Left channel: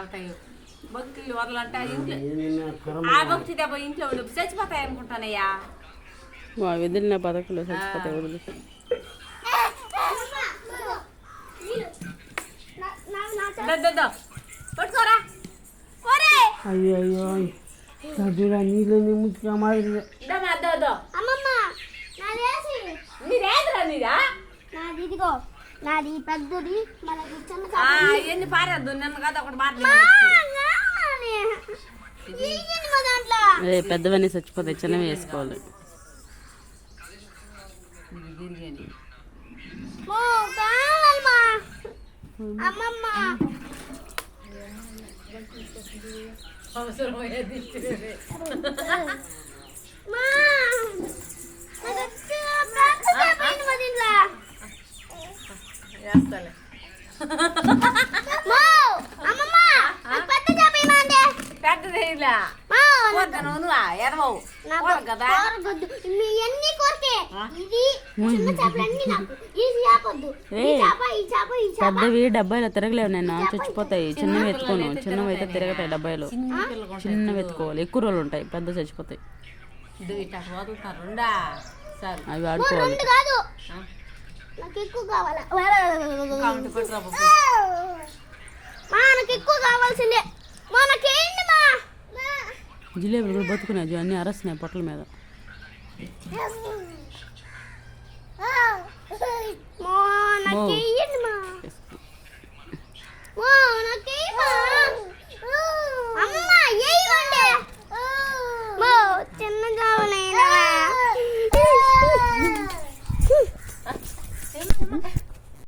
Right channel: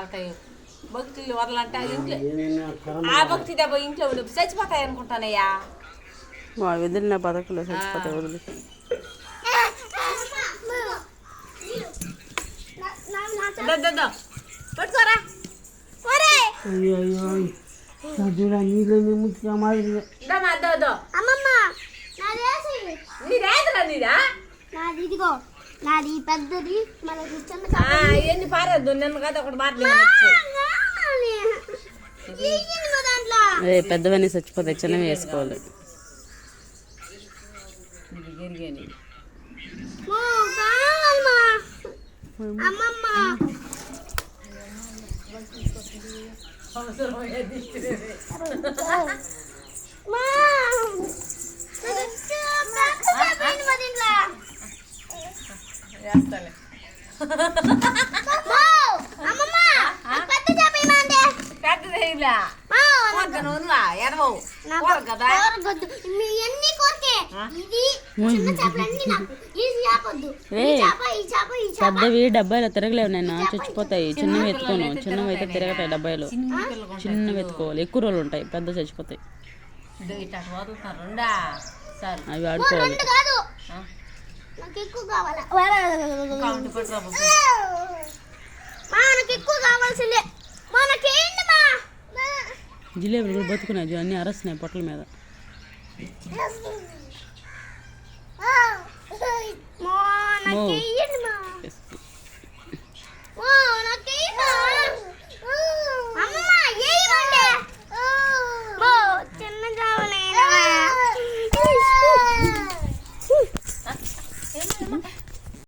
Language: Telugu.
అవుతాయి భక్తులు వరలంటే ఇంట్లో ఆ భక్తి దెబ్బ ఇంట్లో ఉండి చచ్చిపోతాయి అనుకుంటానయ్యా. వదిలిన బతకలు చచ్చిపోతాయి వదిలి. పట్టుకోరా అయ్యో అయ్యో చదువురా నీళ్ళని ముట్టుగా మాదిరి ఇదిగో నాది పెద్దది మనకి ఎన్ని పారేద్దు నిన్న కదా ఒకటి పెద్దవన్నీ చచ్చిపోతాయి, చిన్నవి వేసుకోవాలి. అమ్మమ్మ పెద్దవి డబ్బాయిలో తిరగలేవు నేను, చచ్చిపోతాయి. చిన్నవి ఎత్తుకోను, చిన్నవి అయితే తిరగతాయి డబ్బాయిలో. చిన్నవి ఎత్తుకోవాలి, ఎక్కువ రోజులు ఉంటాయి. పెద్ద చచ్చిపోతాయి, అవి వాడుకోవాలి. జిలేబులు కూడా బతుకున్నాయి, అన్నీ అరస్తున్నాయి పొట్టల మీద.